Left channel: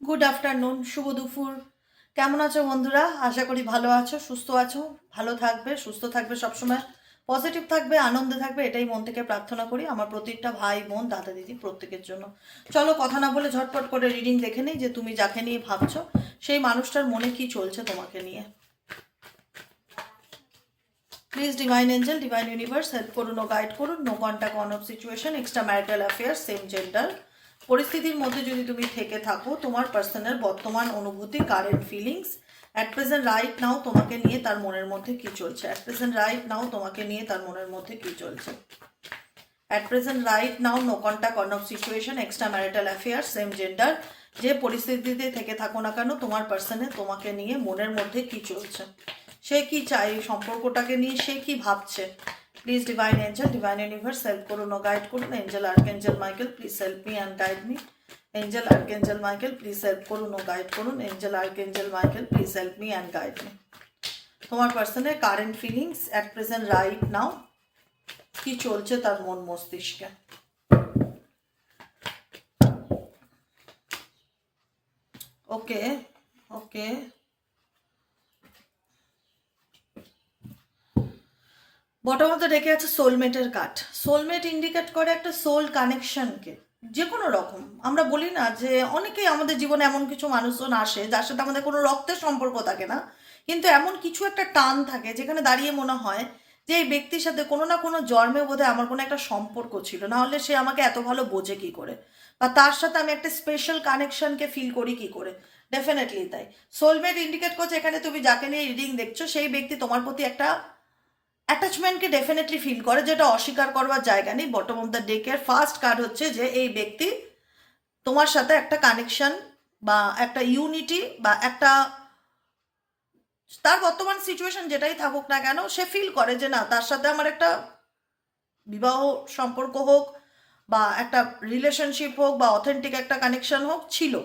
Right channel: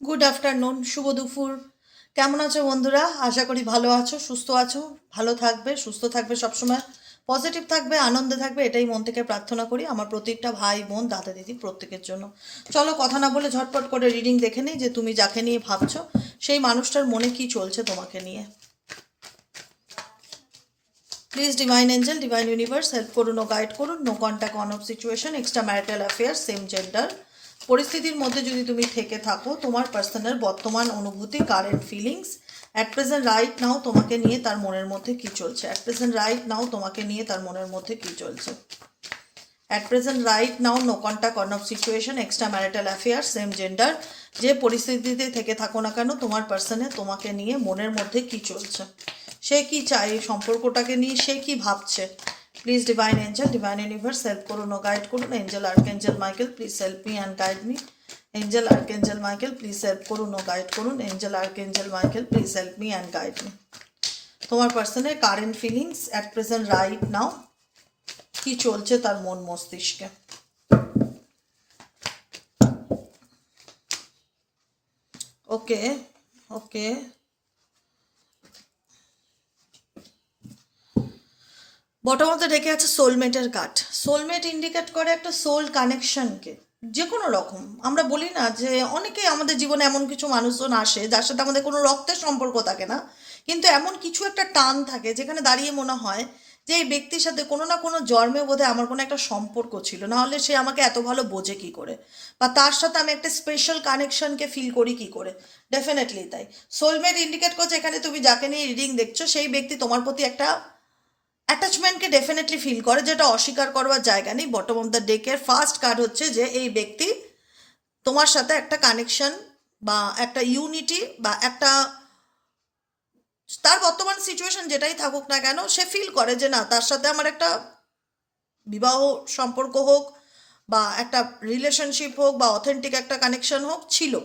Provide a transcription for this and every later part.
Good afternoon, শুভ দুপুর। কেমন আছো বন্ধুরা? আশা করি ভালো আছো, সুস্থ আছো। ভালো থাকবে, সুস্থ থাকবে, সবসময় পজিটিভ থাকবে, আনন্দে থাকবে, এটাই মন থেকে প্রার্থনা করি আমার প্রত্যেকটা ভাই বোন দাদা দিদি প্রত্যেকের জন্য। চলো কথা না বলে ঝটপট করে রিডিং দেখে নিই যে তুমি যাকে নিয়ে ভাবছো সেই মানুষটার মনে কি চলছে তোমাকে নিয়ে। Please divine angel, divine universe help করুন ও গাইড করুন। No contact, on off situation, extra marital affair, same gender পরিস্থিতির মধ্যে যদি তুমি থেকে থাকো, তোমার পার্সোনাল বর্তমান অনুভূতি, current feelings at present right নাও তোমাকে নিয়ে তার মনের মধ্যে কি চলছে। অ্যাট প্রেজেন্ট রাইট নাও তোমাকে নিয়ে তার মনের মধ্যে কি চলছে। At present right now, no contact, on off situation, extra marital affair, same gender. যে পরিস্থিতিতে থেকে থাকো না কেন, তোমার পার্সনে তোমাকে নিয়ে মনের মধ্যে কি চলছে, সে কি চায় এই সম্পর্কটাকে নিয়ে, সে কি ভাবছে। Please divine angel, divine universe help করুন ও গাইড করুন। Angel archangel Michael please help me and guide me. Angel archangel Michael please help করুন ও গাইড করুন। Angel archangel Michael please help me and guide me. তোমার পার্সনের current feelings at present right now কি চলছে তার মন মস্তিষ্কে। Okay, okay. Bottom of the ডেকে আছে সোলমেটের কার্ড। সোলমেট ইন্ডিকেট করে একটা সোল কানেকশনকে, যে কোনো রকম। আমরা বলি না যে অনেকেই আমাদের জীবনে এমন কিছু মানুষজন আসে যার সাথে আমাদের কোনো রক্তের সম্পর্ক থাকে না, কিন্তু এমন কিছু একটা টান থাকে যেখানে দাঁড়িয়ে মনে হয় যে এই ব্যক্তির সাথে কোনো না কোনো জন্মে বোধহয় আমার কোনো একটা সম্পর্ক ছিল, না হলে সে আমাকে এত ভালো বোঝে কি করে, বা তার সাথে আমি একটা স্পেশাল কানেকশনকে ফিল করি কি করে। ডেফিনেটলি তাই। সোলমেট ইন্ডিকেট করছে এখানে তুমি যাকে নিয়ে রিডিং দেখছো সেই ব্যক্তি তোমার প্রতি একটা অ্যাটাচমেন্টকে ডেফিনেটলি ফিল করে, যেটা অস্বীকার করবার জায়গা নেই। বটম অফ দ্য ডেকের ফার্স্ট কার্ড হচ্ছে যে এই ব্যক্তি তোমার সাথে একটা কানেকশন বা একটা ইউনিটি বা একটা, তার বর্তমান সিচুয়েশন যেটাই থাকুক না কেন, সে ফিল করে যে না, তার সাথে আমার একটা বিবাহ সম্পর্ক হোক বা একটা রিলেশনশিপ হোক বা অথেন্টিক একটা কানেকশন হোক, ছিল।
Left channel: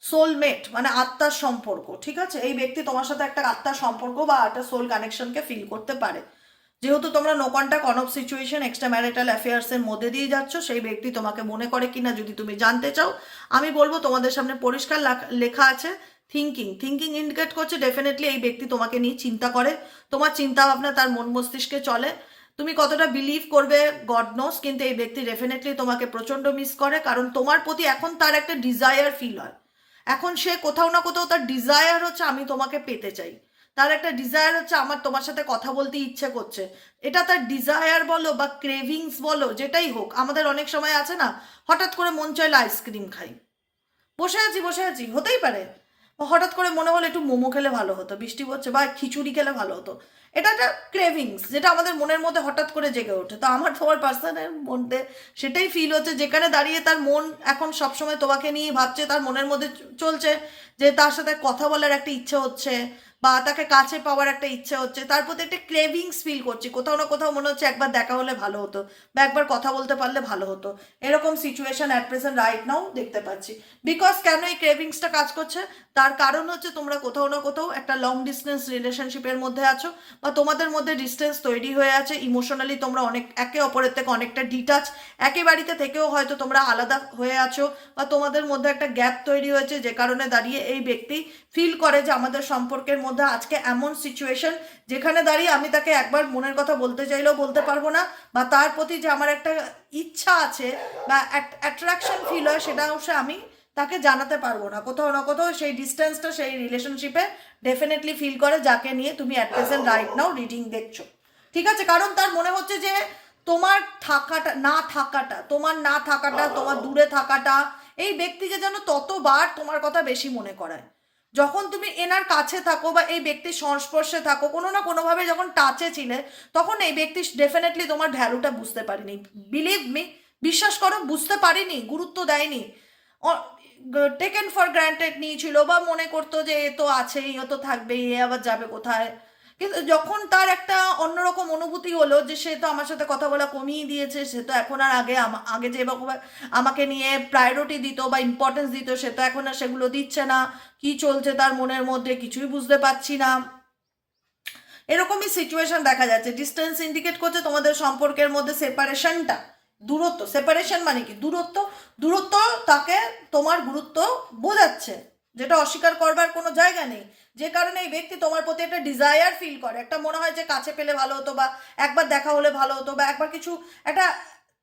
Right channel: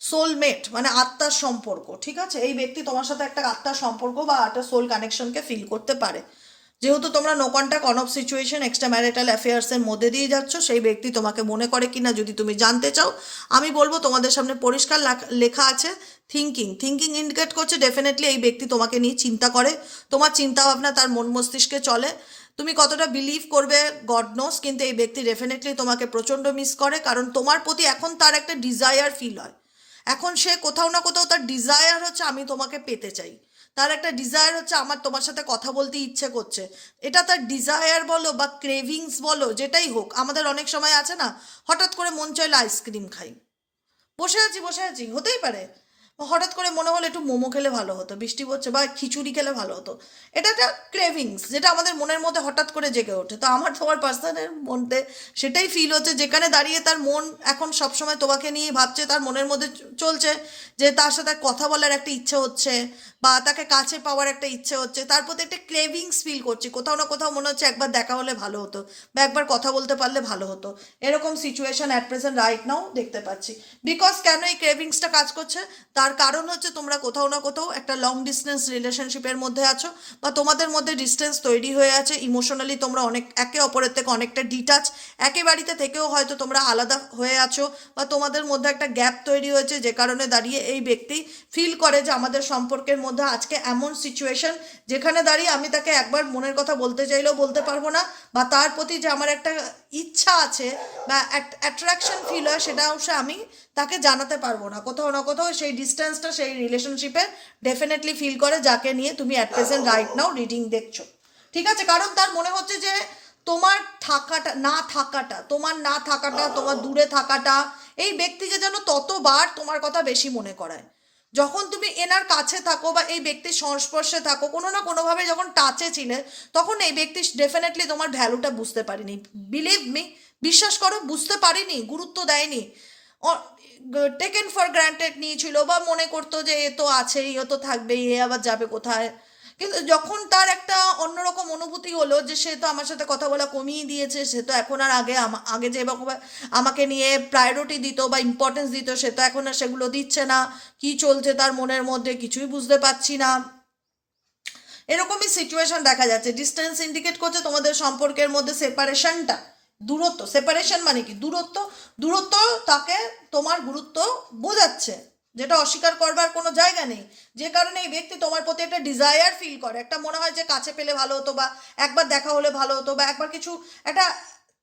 সোলমেট মানে আত্মার সম্পর্ক, ঠিক আছে? এই ব্যক্তি তোমার সাথে একটা আত্মার সম্পর্ক বা একটা সোল কানেকশনকে ফিল করতে পারে। যেহেতু তোমরা no contact, on off situation, extra marital অ্যাফেয়ার্সের মধ্যে দিয়ে যাচ্ছ, সেই ব্যক্তি তোমাকে মনে করে কিনা যদি তুমি জানতে চাও, আমি বলবো তোমাদের সামনে পরিষ্কার লেখা আছে থিঙ্কিং। থিঙ্কিং ইন্ডিকেট করছে ডেফিনেটলি এই ব্যক্তি তোমাকে নিয়ে চিন্তা করে, তোমার চিন্তা ভাবনা তার মন মস্তিষ্কে চলে। তুমি কতটা বিলিভ করবে গড নোস, কিন্তু এই ব্যক্তি ডেফিনেটলি তোমাকে প্রচণ্ড মিস করে, কারণ তোমার প্রতি এখন তার একটা ডিজায়ার ফিল হয়। এখন সে কোথাও না কোথাও তার ডিজায়ার হচ্ছে আমি তোমাকে পেতে চাই, তার একটা ডিজায়ার হচ্ছে আমার তোমার সাথে কথা বলতে ইচ্ছে করছে। এটা তার ডিজায়ার বলো বা ক্রেভিংস বলো, যেটাই হোক। আমাদের অনেক সময় আছে না, হঠাৎ করে মন চাইলে আইসক্রিম খাই, বসে আছি বসে আছি, হতেই পারে হঠাৎ করে মনে হলো একটু মোমো খেলে ভালো হতো, বৃষ্টি পড়ছে, বা খিচুড়ি খেলে ভালো হতো। এটা একটা ক্রেভিংস যেটা আমাদের মনের মধ্যে হঠাৎ করে জেগে ওঠে। তো আমার তোমার পার্সনের মধ্যে সেটাই ফিল হচ্ছে, যেখানে দাঁড়িয়ে তার মন এখন সবসময় তোমাকে নিয়ে ভাবছে, তার মনের মধ্যে চলছে যে তার সাথে কথা বলার একটা ইচ্ছে হচ্ছে বা তাকে কাছে পাওয়ার একটা ইচ্ছে হচ্ছে, তার প্রতি একটা ক্রেভিংস ফিল করছি। কোথাও না কোথাও মনে হচ্ছে একবার দেখা হলে ভালো হতো বা একবার কথা বলতে পারলে ভালো হতো। এরকম সিচুয়েশন অ্যাট প্রেজেন্ট রাইট নাও দেখতে পাচ্ছি। বিকজ কেন এই ক্রেভিংসটা কাজ করছে, তার কারণ হচ্ছে তোমরা কোথাও না কোথাও একটা লং ডিস্টেন্স রিলেশনশিপের মধ্যে আছো, বা তোমাদের মধ্যে ডিস্টেন্স তৈরি হয়ে আছে। ইমোশনালি তোমরা অনেক একে অপরের থেকে অনেকটা ডিটাচ, একই বাড়িতে থেকেও হয়তো তোমরা আলাদা হয়ে আছো, বা তোমাদের মধ্যে একটা গ্যাপ তৈরি হয়েছে, যে কারণে দাঁড়িয়ে এই ব্যক্তি ফিল করে যে আমাদের সম্পর্কের মধ্যে আজকে এমন সিচুয়েশন যেখানে দাঁড়িয়ে আমি তাকে একবার মনের কথা বলতে চাইলেও বলতে পারবো না, বা তার প্রতি যে আমার একটা ইচ্ছা আছে বা অ্যাট্রাকশন ফিল হয়, সেটাও সে আমি তাকে জানাতে পারবো না। কোথাও না কোথাও সেই ডিস্টেন্সটা সেই রিলেশনশিপে ডেফিনেটলি ফিল করে, যাকে নিয়ে তুমি at present right now reading দেখছো, ঠিক আছে? কারণ তার মনে হচ্ছে যে তোমার না থাকাটা, তোমার দূরে থাকাটা এই ব্যক্তিকে যেন ততবার তোমার কথা বেশি মনে করায়। যখন তুমি এনার কাছে থাকো বা এই ব্যক্তির সংস্পর্শে থাকো, কোনো না কোনোভাবে যখন টাচে ছিলে, তখন এই ব্যক্তি ডেফিনেটলি তোমার ভ্যালুটা বুঝতে পারিনি। বিলিভ মি, বিশ্বাস করো, বুঝতে পারিনি, গুরুত্ব দেয়নি, টেকেন ফর গ্রান্টেড নিয়েছিল, বা মনে করতো যে এ তো আছেই, ও তো থাকবেই, এ আবার যাবে কোথায়। কিন্তু যখন তার একটা অন্যরকম অনুভূতি হলো যে সে তো আমার সাথে কথা বলা কমিয়ে দিয়েছে, সে তো এখন আর আগে যে আমাকে নিয়ে প্রায়োরিটি দিত বা ইম্পর্টেন্স দিত, সে তো এখন আর সেগুলো দিচ্ছে না। কি চলছে তার মনের মধ্যে কিছুই বুঝতে পারছি না। এরকমই সিচুয়েশন দেখা যাচ্ছে। ডিস্টেন্স ইন্ডিকেট করছে তোমাদের সম্পর্কের মধ্যে সেপারেশনটা দূরত্ব, সেপারেশন মানে কি দূরত্ব, দূরত্ব তাকে তোমার গুরুত্ব বোঝাচ্ছে, যেটা অস্বীকার করবার কোনো জায়গা নেই। যে কারণে এই ব্যক্তি তোমার প্রতি একটা ডিজায়ার ফিল করে, একটা মনে হয় যে কাছে পেলে ভালো হতো, বা একবার দেখা হলে ভালো হতো, বা একবার কিছু একটা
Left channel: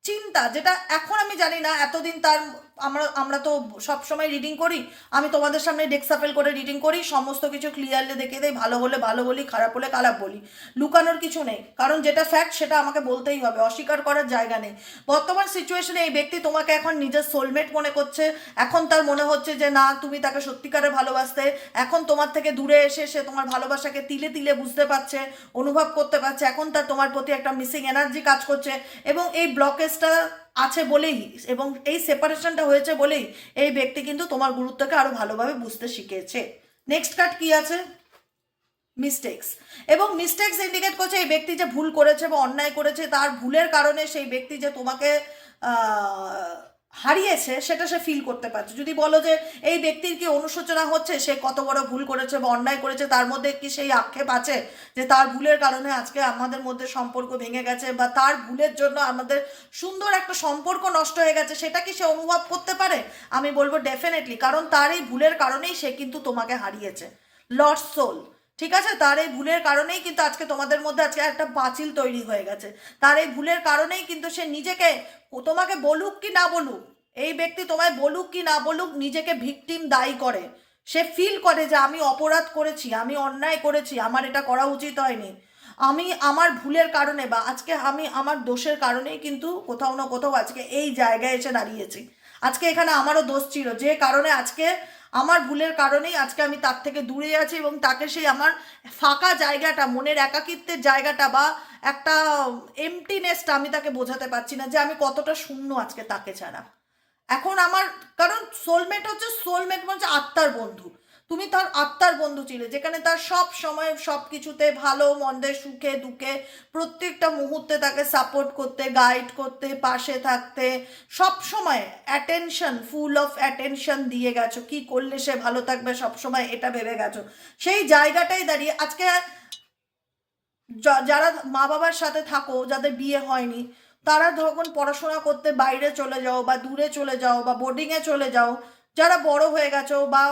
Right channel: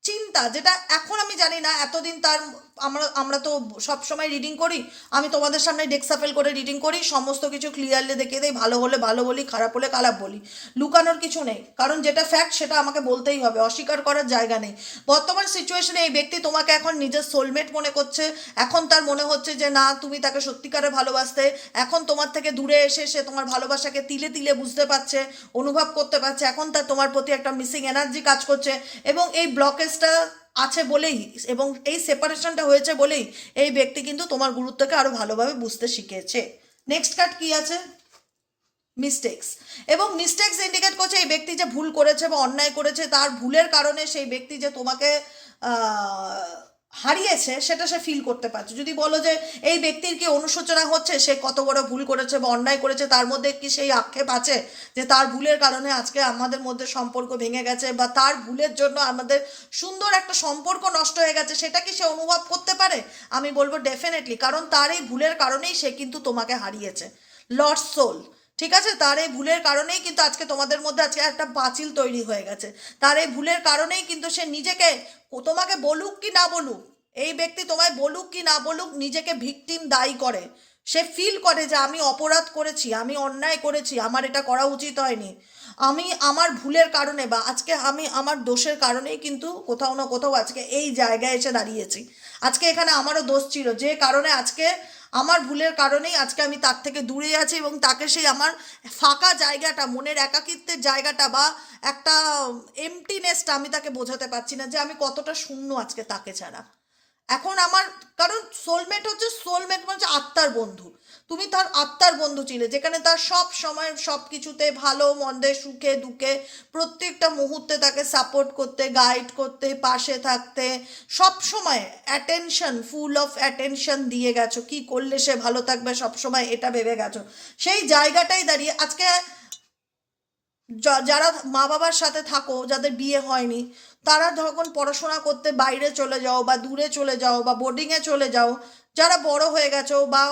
চিন্তা, যেটা এখন আমি জানি না, এতদিন তার আমরা আমরা তো সব সময় রিডিং করি, আমি তোমাদের সামনে ডেক্সাফেল করে রিডিং করি, সমস্ত কিছু ক্লিয়ারলি দেখিয়ে দেই, ভালো হলে ভালো বলি, খারাপ হলে খারাপ বলি, লুকানোর কিছু নেই, কারণ যেটা ফ্যাক্ট সেটা আমাকে বলতেই হবে, অস্বীকার করার জায়গা নেই। বর্তমান সিচুয়েশনে এই ব্যক্তি তোমাকে এখন নিজের সোলমেট মনে করছে, এখন তার মনে হচ্ছে যে না তুমি তাকে সত্যিকারে ভালোবাসতে, এখন তোমার থেকে দূরে এসে সে তোমার ভালোবাসাকে তিলে তিলে বুঝতে পারছে, অনুভব করতে পারছে, এখন তার তোমার প্রতি একটা মিসিং এনার্জি কাজ করছে, এবং এই ব্লকেজটা আছে বলেই এবং এই সেপারেশনটা হয়েছে বলেই এই ব্যক্তি কিন্তু তোমার গুরুত্বকে আরো ভালোভাবে বুঝতে শিখেছে। নেক্সট কার্ড কি আছে? মিস্টেক্স। এবং মিস্টেক্স ইন্ডিকেট করছে এই ব্যক্তি যে ভুল করেছে বা অন্যায় করেছে, তার ভুলের কারণে সেই ব্যক্তি যে তোমাকে হারিয়েছে সেটা সে ফিল করতে পারছে। যদি বলো যে এই ব্যক্তির কি অনুশোচনা হচ্ছে, সে কত বড় ভুল করেছে বা অন্যায় করেছে, তার মধ্যে কি সেই আক্ষেপ আছে যে তার ভুলের কারণে আজকে আমাদের মধ্যে সম্পর্ক ভেঙে গেছে, বা তার ভুলের জন্য আমাদের সুন্দর একটা সম্পর্ক নষ্ট হয়ে গেছে, সেটা কি সে অনুভব করতে পারে? আমি বলবো ডেফিনেটলি, কারণ তার এই ভুলের কারণেই সে কিন্তু তোমাকে হারিয়েছে। লস্ট সোল, ঠিক আছে, তার এই ভুলের কারণেই কিন্তু আজকে তোমাদের মধ্যে আজকে একটা পাঁচিল তৈরি হয়ে গেছে। তার এই ভুলের কারণেই কিন্তু সে নিজেকে, তোমাকে বলুক কি না বলুক, এই ব্যক্তি তোমায় বলুক কি না বলুক, নিজেকে ভিকটিম দায়ী করে। সে ফিল করে যে আমি অপরাধ করেছি, আমি অন্যায় করেছি, আমার এটা করা উচিত হয়নি, আমি আমার ভুলের কারণে বা আজকে আমি আমার দোষের কারণেই কিন্তু কোথাও না কোথাও আজকে এই জায়গায় এসে দাঁড়িয়েছি। আজকে এখানে আমারও দোষ ছিল, যে কারণে আজকে আমার ভুলের কারণেই আজকে আমি তার থেকে দূরে আছি, এবং তাকে সেই আমার ফাঁকা জায়গাটা, মনের একাকিত্বের জায়গাটা বা একটা এমটিনেসটা আমি তাকে বোঝাতে পারছি না যে আমি কতটা শূন্য আজকে তাকে ছাড়া। এখন আমার, কারণ সোলমেট হচ্ছে, সোলমেট মানে আত্মার বন্ধু, তুমি তার আত্মার বন্ধু ছিলে, যেখানে তার সব সময় সব কিছুতে, ভালো মন্দে, সুখে দুঃখে, প্রত্যেকটা মুহূর্তে তাকে সাপোর্ট করতে, গাইড করতে, পাশে থাকতে, সব সময় অ্যাটেনশন, ফুল অফ অ্যাটেনশন দিয়ে গেছো, কি করলে সে ভালো থাকবে সব সময় এটা ভেবে গেছো। সেই জায়গাটাই দাঁড়িয়ে আজকে যারা মা বাবার সাথে থাকো, যাদের বিয়ে হয়নি, তারা যখন পড়াশোনা করতে বাইরে চলে যাও বা দূরে চলে যাও বা বোর্ডিংয়ে চলে যাও, যারা বড় হয়ে গেছো বা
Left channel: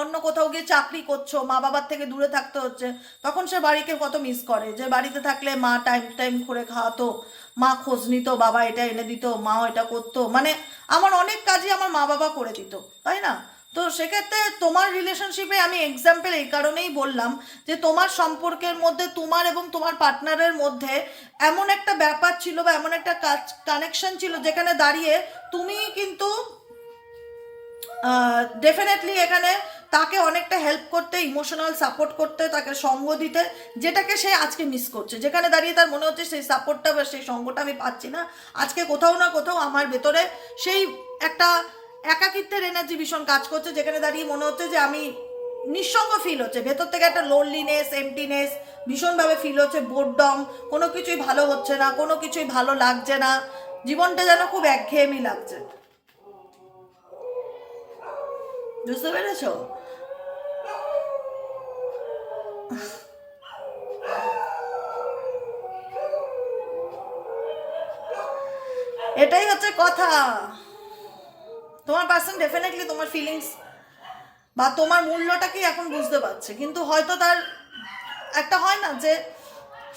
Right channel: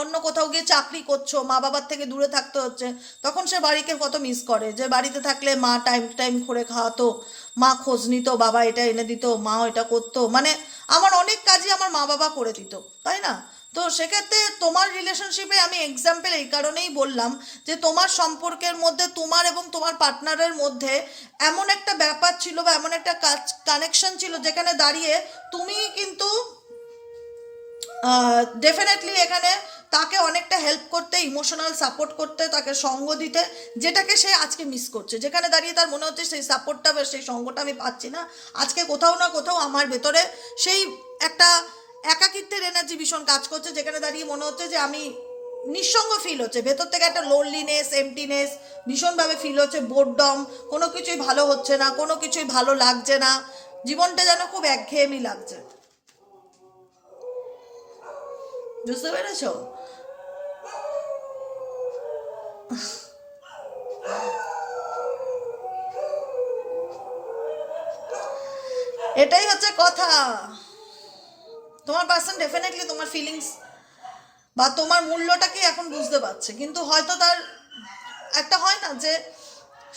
অন্য কোথাও গিয়ে চাকরি করছো, মা বাবার থেকে দূরে থাকতে হচ্ছে, তখন সে বাড়িকে কত মিস করে, যে বাড়িতে থাকলে মা টাইম টাইম করে খাওয়াতো, মা খোঁজ নিত, বাবা এটা এনে দিত, মা এটা করতো, মানে আমার অনেক কাজই আমার মা বাবা করে দিত, তাই না? তো সেক্ষেত্রে তোমার রিলেশনশিপে আমি এক্সাম্পল এই কারণেই বললাম যে তোমার সম্পর্কের মধ্যে, তোমার এবং তোমার পার্টনারের মধ্যে এমন একটা ব্যাপার ছিল বা এমন একটা কানেকশন ছিল, যেখানে দাঁড়িয়ে তুমি কিন্তু ডেফিনেটলি এখানে তাকে অনেকটা হেল্প করতে, ইমোশনাল সাপোর্ট করতে, তাকে সঙ্গ দিতে, যেটাকে সে আজকে মিস করছে, যেখানে দাঁড়িয়ে তার মনে হচ্ছে সেই সাপোর্টটা বা সেই সঙ্গটা আমি পাচ্ছি না, আজকে কোথাও না কোথাও আমার ভেতরে সেই একটা একাকিত্বের এনার্জি ভীষণ কাজ করছে, যেখানে দাঁড়িয়ে মনে হচ্ছে যে আমি নিঃসঙ্গ ফিল হচ্ছে, ভেতর থেকে একটা লোনলিনেস, এমটিনেস ভীষণভাবে ফিল হচ্ছে, বোরডম, কোনো কিছুই ভালো হচ্ছে না, কোনো কিছুই ভালো লাগছে না, জীবনটা যেন খুব একঘেয়েমি লাগছে। বুঝতে পেরেছো? এটাই হচ্ছে কথা। তোমার পার্সন ডেফিনেটলি তোমার ফিলিংস বা তোমার মূল্যটাকে এখন বুঝতে পারছে, কিন্তু হয়তো তার একটা হয় না যে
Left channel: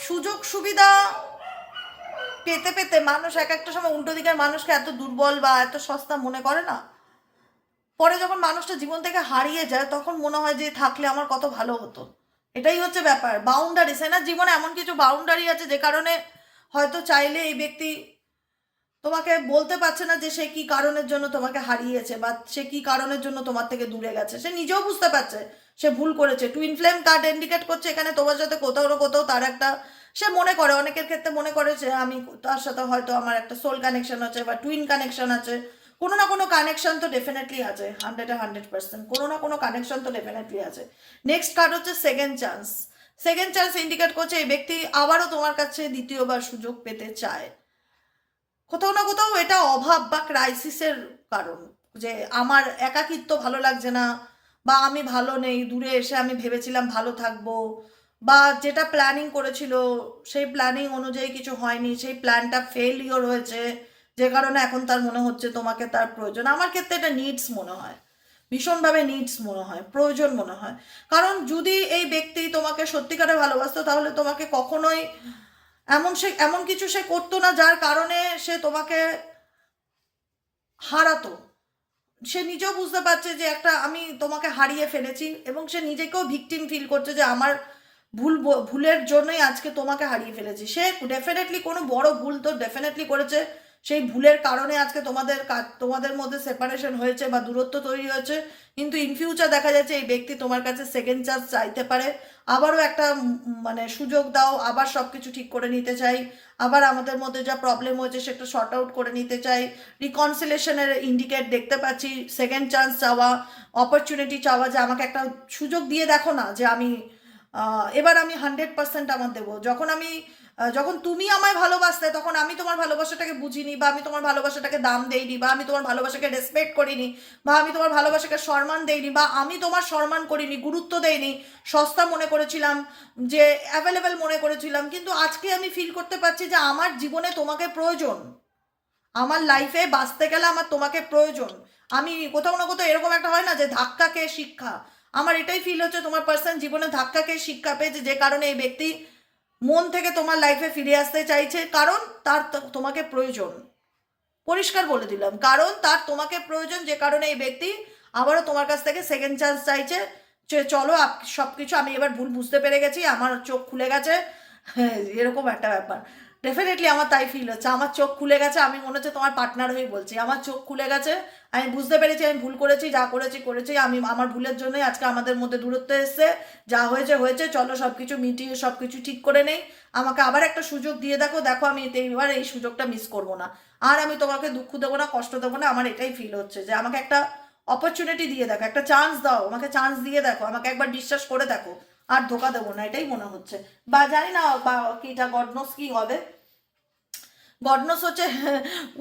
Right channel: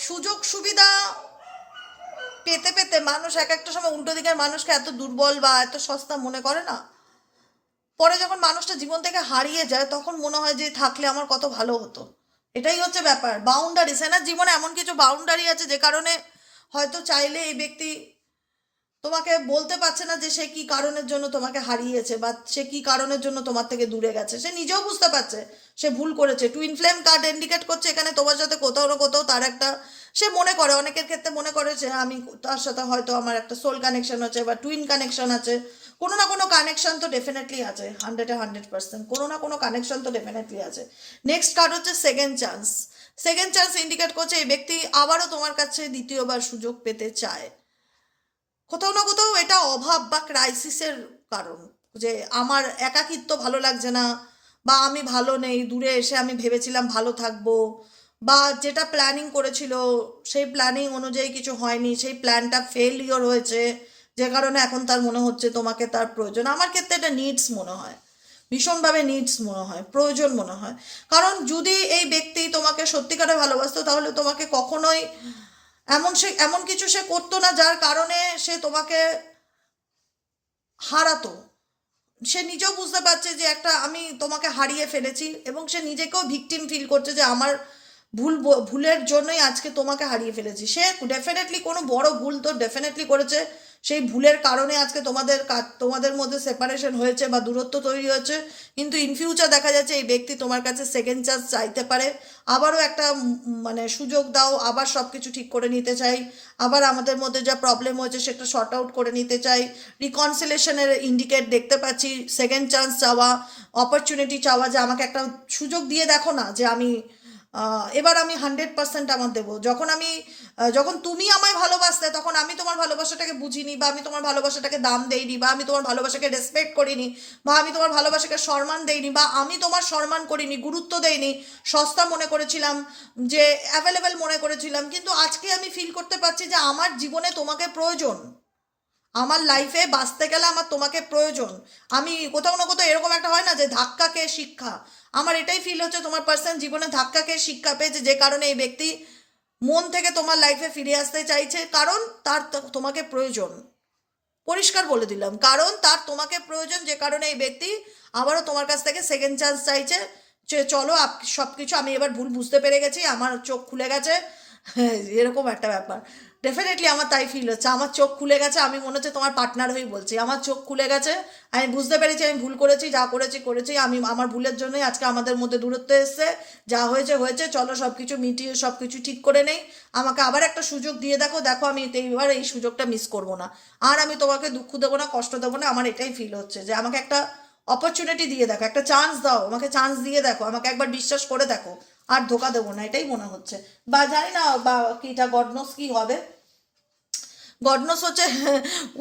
সুযোগ সুবিধা পেতে পেতে মানুষ এক একটা সময় উল্টো দিকের মানুষকে এত দুর্বল বা এত সস্তা মনে করে না, পরে যখন মানুষটা জীবন থেকে হারিয়ে যায় তখন মনে হয় যে থাকলে আমার কত ভালো হতো। এটাই হচ্ছে ব্যাপার, বাউন্ডারি, সে না জীবনে এমন কিছু বাউন্ডারি আছে যে কারণে হয়তো চাইলে এই ব্যক্তি তোমাকে বলতে পারছে না যে সে কি কারণের জন্য তোমাকে হারিয়েছে বা সে কি কারণের জন্য তোমার থেকে দূরে গেছে, সে নিজেও বুঝতে পারছে সে ভুল করেছে। টুইন ফ্লেম কার্ড ইন্ডিকেট করছে এখানে তোমার সাথে কোথাও না কোথাও তার একটা, সে মনে করে, অনেকের ক্ষেত্রে মনে করে যে আমি তার সাথে হয়তো আমার একটা সোল কানেকশন আছে বা টুইন কানেকশন আছে, কোনো না কোনো কানেকশন তো ডেফিনেটলি আছে, 100% কোনো না কোনো কানেকশন তো ডেফিনেটলি আছে। নেক্সট কার্ড হচ্ছে second chance. Second chance indicate করছে এই ব্যক্তি আবারও তোমার কাছে দ্বিতীয়বার সুযোগ পেতে চায়। কোথাও না কোথাও এটা অভাব বা ক্রাইসিসের কারণ, যে আমার একাকিত্ব ভালো লাগছে না, বা আমি ভালো নেই, দূরে এসে আমি ভেবেছিলাম ভালো থাকবো, বা যেটা প্ল্যানিং করেছিল সেই প্ল্যানিং অনুযায়ী কিছু হয়নি, সেই প্ল্যানটা ফেলিওর হয়েছে, যে কারণে এখন তার মনে হচ্ছে তোমাকে তার প্রয়োজন। আমার ক্ষেত্রে এটা নিডস মনে হয়, ভীষণভাবে নিডস মনে হয়, প্রয়োজন মনে হয়। কারণ যদি এই ব্যক্তি তোমাকে সত্যিকারে ভালোবাসতো তাহলে তোমাকে কখনোই এমন কিছু সে করতো না যার কারণে সে তোমাকে হারাতো। সে নিজেও বুঝতে পারছে যে একটা আমি তোমাকে হারিয়ে ফেলেছি, এবং সে নিজেকেও ভিকটিম ফিল করছে যে আমার ভুলের জন্যই আজকে তোমাকে হারিয়ে ফেলেছি। সে ডেফিনেটলি কোনো বড় ভুল তো ডেফিনেটলি করেছে, সেই ভুলের কারণে আজকে তোমাদের মধ্যে সেপারেশন হয়েছে বা দূরত্ব তৈরি হয়েছে। কিন্তু ইন ফিউচার দেখা যাচ্ছে এই ব্যক্তি তোমার কাছে সেকেন্ড চান্স চাইতে পারে, আবারও একটা মানে সুযোগ দাও, আবার সব কিছু ঠিক করে নিতে চাই, আবার আমাদের মধ্যে যা প্রবলেম হয়েছে সেটা শর্ট আউট করে নিতে চাই। রিকনসিলেশনের ইন্ডিকেট দেখতে পাচ্ছি, সেকেন্ড চান্স চাওয়া, অপরচুনিটি চাওয়া, যে আমাকে একটা সুযোগ দিয়ে দেখো না, যে আমি এবার আমি 100% আমার দেবো। যখন তুমি আমায় ভালোবাসতে তখন আমি তোমার ভালোবাসাটাকে বুঝিনি, বা আমি তোমার ভালোবাসাটাকে দাম দেইনি, বা আমি তোমার ভালোবাসাকে রেসপেক্ট করিনি, বা আমি তোমার ভালোবাসাকে সম্মান দেইনি, বা আমি তোমার সম্মান করিনি, গুরুত্ব দেইনি, সস্তা মনে করেছিলাম, যে অ্যাভেলেবেল মনে করেছিলাম। কিন্তু আজকে আমি ফিল করতে পারছি যে আমার জীবনে তোমাকে প্রয়োজন, আমার লাইফে বাঁচতে গেলে আমার তোমাকে প্রয়োজন। আমি কোথাও না কোথাও এরকম একটা হয় না যে ধাক্কা খেয়ে শিক্ষা, আমার এটাই ফিল হচ্ছে তোমার পার্সন জীবনে ধাক্কা খেয়ে শিক্ষা পেয়েছে, যে কারণে এই ব্যক্তি মন থেকে তোমার লাইফে ফিরে আসতে চাইছে, কারণ তার তোমাকে প্রয়োজন। পরিষ্কার বলে দিলাম, কারণ তার তোমাকে প্রয়োজন, যে কারণে এই ব্যক্তি আবারও তোমার কাছ থেকে সেকেন্ড চান্স চাইছে, যে চলো সব কিছু আমি এবার ভুল বুঝতে পেরে গেছি, আমার চোখ খুলে গেছে। এরকম একটা ব্যাপার ডেফিনেটলি আমার তাই ফিল হচ্ছে, আমার চোখ খুলে গেছে, আমি মনে হচ্ছে তোমার পার্টনার হয়ে বলছি, আমার চোখ খুলে গেছে, আমি বুঝতে পেরেছি আমি ভুল করেছি, যা করেছি আমি আমার ভুলের জন্যই আজকে আমাদের মধ্যে দূরত্ব এসছে, যা হয়েছে হয়েছে, চলো সব কিছু মিটিয়ে সব কিছু ঠিক করে নেই, আমাকে আবার একটা সুযোগ দিয়ে দেখো, দেখো আমি এইবার এই সুযোগটা মিস করবো না, আর আমি তোমাকে দুঃখ দেবো না, কষ্ট দেবো না। আমার এটাই ফিল হচ্ছে যে আমাকে একটা অপরচুনিটি দিয়ে দেখো, একটা চান্স দাও আমাকে, চান্স দিয়ে দেখো আমাকে, একবার বিশ্বাস করে দেখো, আর ধোকা দেবো না, এটাই মনে হচ্ছে। বা জানি না বা কিটা গডনোস কি হবে, গডনোস হচ্ছে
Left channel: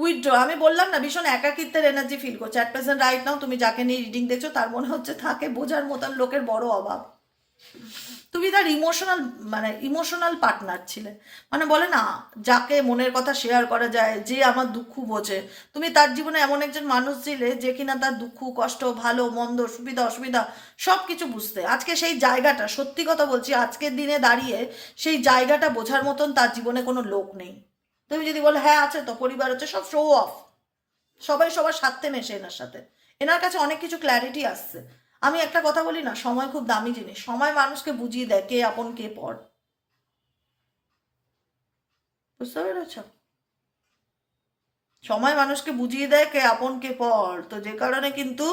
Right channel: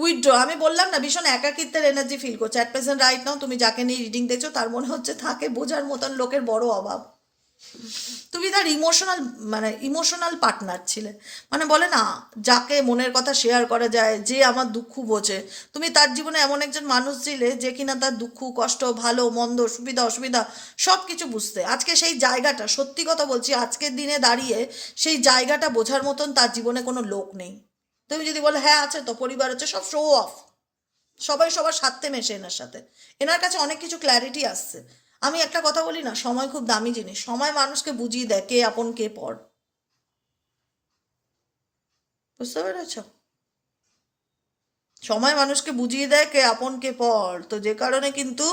উইথড্র। আমি বললাম না ভীষণ একাকিত্বের এনার্জি ফিল করছে অ্যাট প্রেজেন্ট রাইট নাও। তুমি যাকে নিয়ে রিডিং দেখছো তার মনে হচ্ছে তাকে বোঝার মতন লোকের বড় অভাব। তুমি তার ইমোশনাল পার্টনার ছিলে, মানে বলে না যাকে মনের কথা শেয়ার করা যায়, যে আমার দুঃখ বোঝে, তুমি তার জীবনে এমন একজন মানুষ ছিলে যে কিনা তার দুঃখ কষ্ট ভালো মন্দ সুবিধা অসুবিধা সব কিছু বুঝতে। আজকে সেই জায়গাটা, সত্যি কথা বলছি, আজকের দিনে দাঁড়িয়ে সেই জায়গাটা বোঝার মতন তার জীবনে কোনো লোক নেই। তুমি যদি বলো হ্যাঁ আছে তো, পরিবার আছে, সব শো অফ, সবাই সবার স্বার্থে মেশে এনার সাথে, এনার কাছে অনেক কিছু ক্ল্যারিটি আসছে। আমি একটা কথা বলি না, সময় খুব দামি জিনিস, সময় মানুষকে বুঝিয়ে দেয় কে আপন কে পর। বুঝতে পেরেছ? সময় মানুষকে বুঝিয়ে দেয় কে আপন কে পর। তো যে কারণে কিন্তু